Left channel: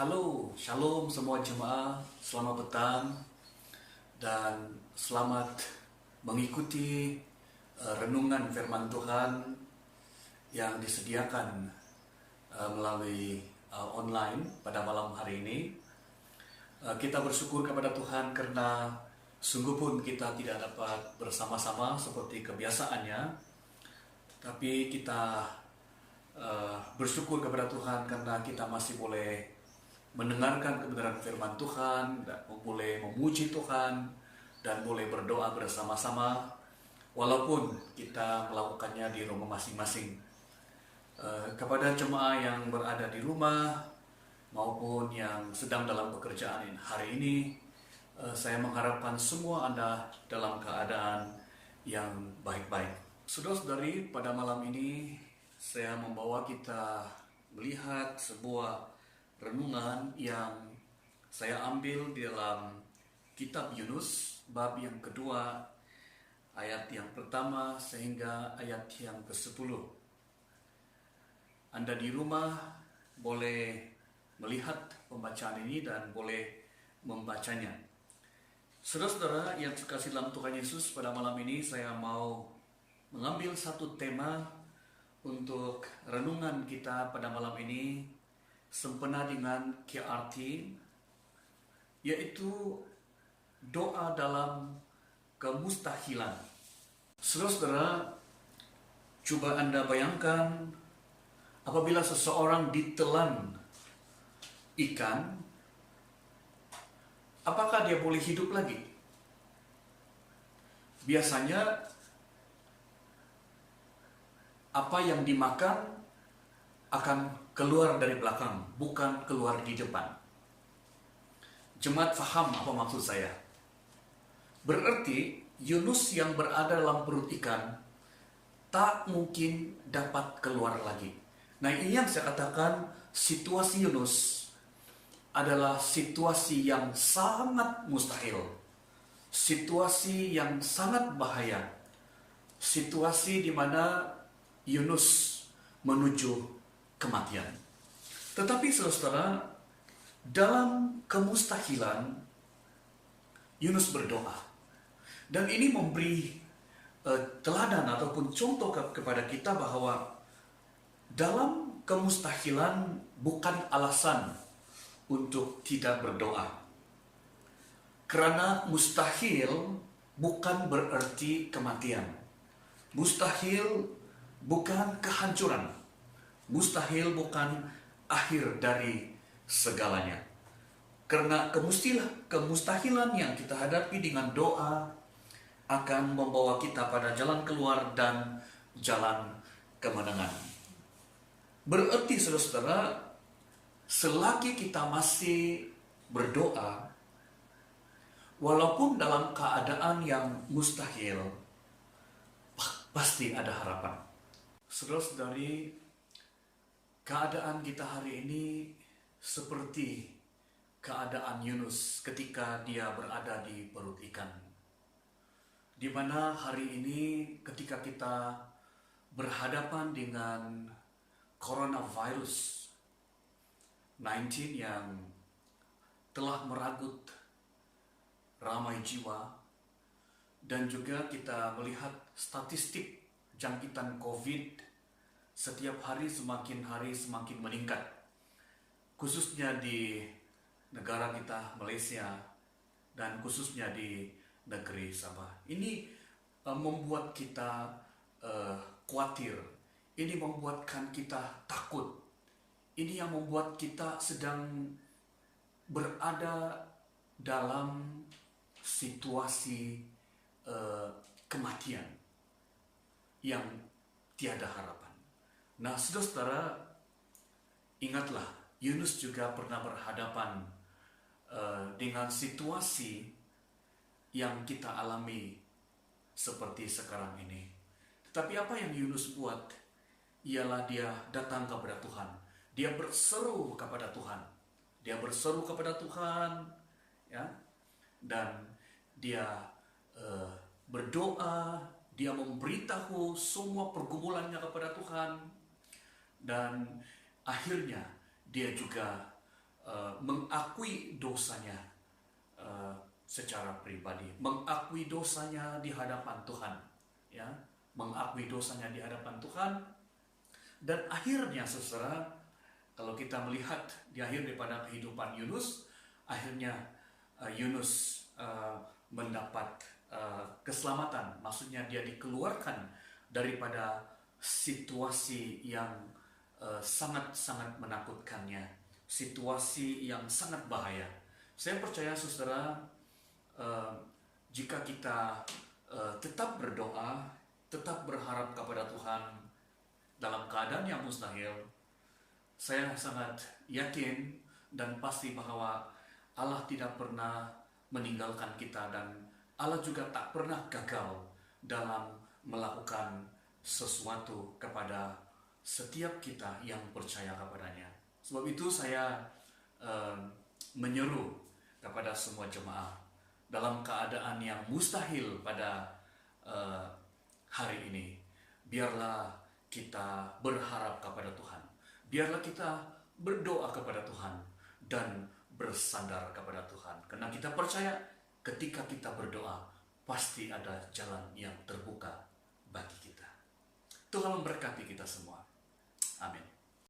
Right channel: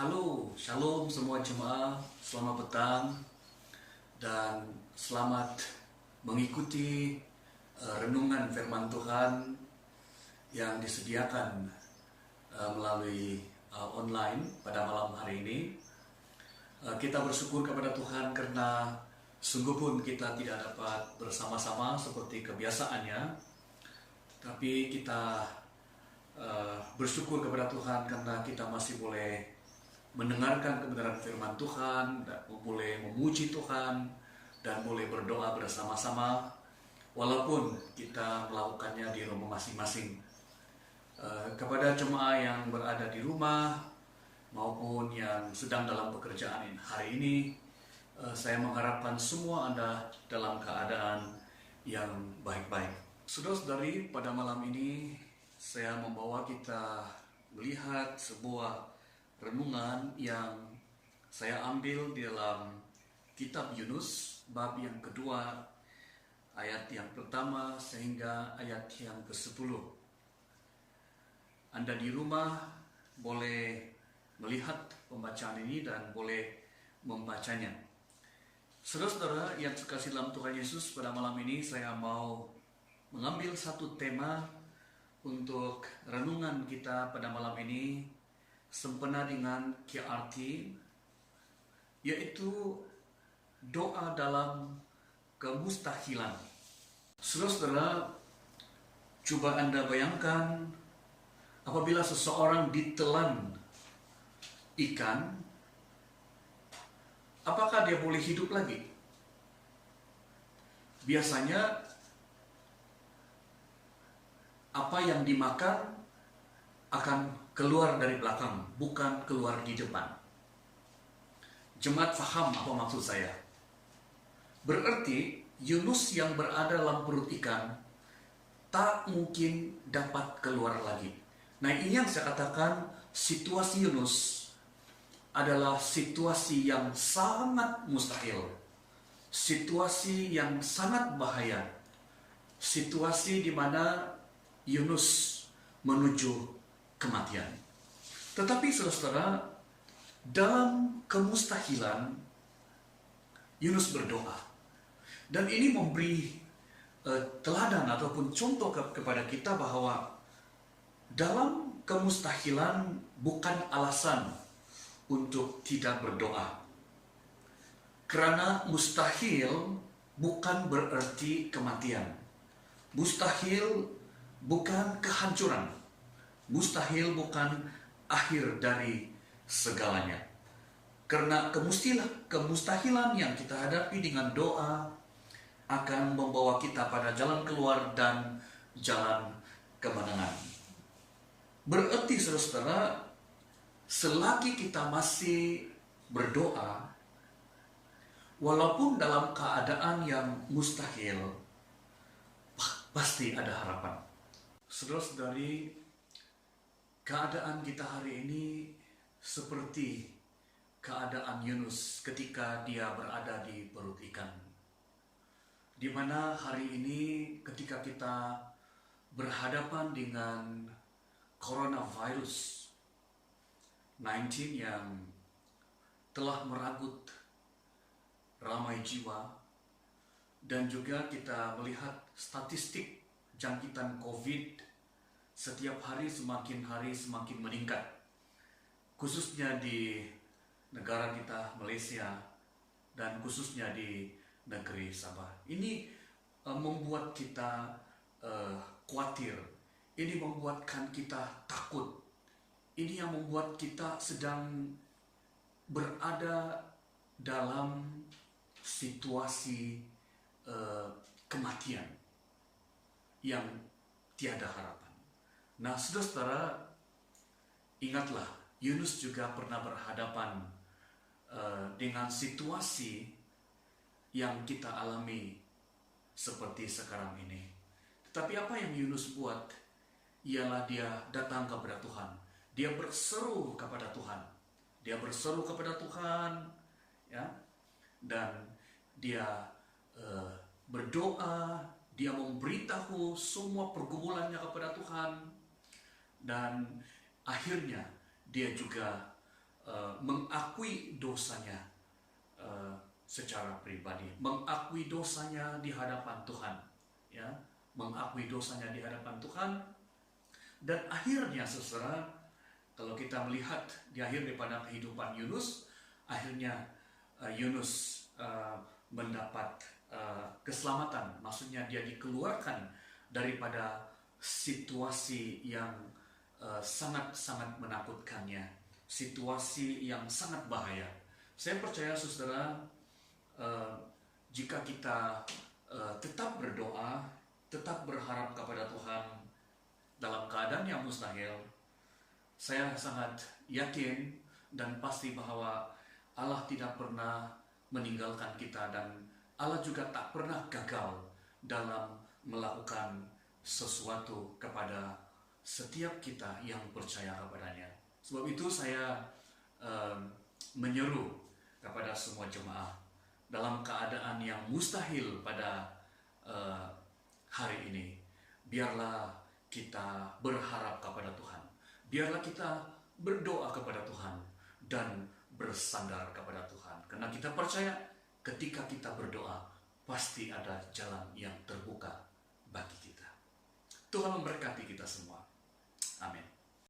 Halo, shalom semua jemaah, selamat petang dan selamat mengikuti renungan firman Tuhan yang disediakan melalui online pada malam hari ini. Kita bersyukur kepada Tuhan karena sungguh pun kita tidak dapat bersama-sama seperti kebiasaannya, tapi kita bersyukur kepada Tuhan karena kita masih boleh mendengarkan kebenaran firman Tuhan, dan boleh memuji Tuhan, dan boleh berdoa bersama-sama walaupun kita melakukannya di rumah masing-masing. Kepada jemaah yang berada di rumah maupun yang sedang dalam pekerjaan hari ini, saya mengharapkan semua Anda dalam keadaan yang baik-baik. Saudara-saudari, pada malam ini saya membawa kita melihat sebuah renungan yang saya ambil di dalam kitab Yunus, bab yang kedua, ayat yang pertama sehingga ayat yang ke-10. Anda di rumah boleh melihat pembacaan ini dan boleh membacanya. Saudara-saudara yang terkasih dalam Tuhan Yesus, pada malam ini saya mau mengambil satu tema untuk renungan kita pada malam ini sempena dengan KRT, yaitu doa dalam kemustahilan. Saudara-saudara, coba Anda bayangkan apabila seseorang ditelan ikan, apakah dia boleh hidup lagi? Biasanya apa yang dimakan akan keluar dari belakang, bukan keluar di depan. Jemaat faham apa maksud saya? Berarti Yunus yang berada dalam perut ikan tak mungkin dapat keluar lagi. Nah, ini yang saya katakan, situasi Yunus adalah situasi yang sangat mustahil. Situasi yang sangat bahaya. Situasi di mana Yunus menuju kematian. Tetapi saudara-saudara, dalam kemustahilan Yunus berdoa. Dan ini memberi teladan ataupun contoh kepada kita bahwa dalam kemustahilan bukan alasan untuk tidak berdoa. Karena mustahil bukan berarti kematian. Mustahil bukan kehancuran. Mustahil bukan akhir dari segalanya. Karena kemustahilan yang kita hadapi dengan doa akan membawa kita pada jalan keluar dan jalan kemenangan. Berarti saudara-saudara, selagi kita masih berdoa, walaupun dalam keadaan yang mustahil, pasti ada harapan. Saudara-saudari, keadaan kita hari ini seperti keadaan Yunus ketika dia berada di perut ikan. Di mana hari ini ketika kita berhadapan dengan coronavirus 19 yang telah meragut ramai jiwa, dan juga kita melihat statistik jangkitan COVID setiap hari semakin meningkat, khususnya di negara kita Malaysia dan khususnya di negeri Sabah. Ini membuat kita khawatir, ini membuatkan kita takut, ini yang membuat kita sedang berada dalam situasi kematian yang tiada harapan. Nah, saudara-saudara, ingatlah, Yunus juga pernah berhadapan dengan situasi yang kita alami seperti sekarang ini. Tetapi apa yang Yunus buat ialah dia datang kepada Tuhan. Dia berseru kepada Tuhan. Dia berseru kepada Tuhan, ya, dan dia berdoa, dia memberitahu semua pergumulannya kepada Tuhan, dan akhirnya dia juga mengakui dosanya secara pribadi, mengakui dosanya di hadapan Tuhan, ya, mengakui dosanya di hadapan Tuhan. Dan akhirnya saudara, kalau kita melihat di akhir daripada kehidupan Yunus, akhirnya Yunus mendapat keselamatan, maksudnya dia dikeluarkan daripada situasi yang sangat-sangat menakutkannya, situasi yang sangat bahaya. Saya percaya saudara, jika kita tetap berdoa, tetap berharap kepada Tuhan dalam keadaan yang mustahil, saya sangat yakin dan pasti bahwa Allah tidak pernah meninggalkan kita, dan Allah juga tak pernah gagal dalam melakukan sesuatu kepada setiap kita yang percaya kepadanya. Sebab itu saya menyeru kepada semua jemaah dalam keadaan yang mustahil pada hari ini, biarlah kita berharap kepada Tuhan, biarlah kita berdoa kepada Tuhan dan bersandar kepada Tuhan, karena kita percaya ketika kita berdoa pasti ada jalan yang terbuka bagi kita. Tuhan memberkati kita semua. Amin.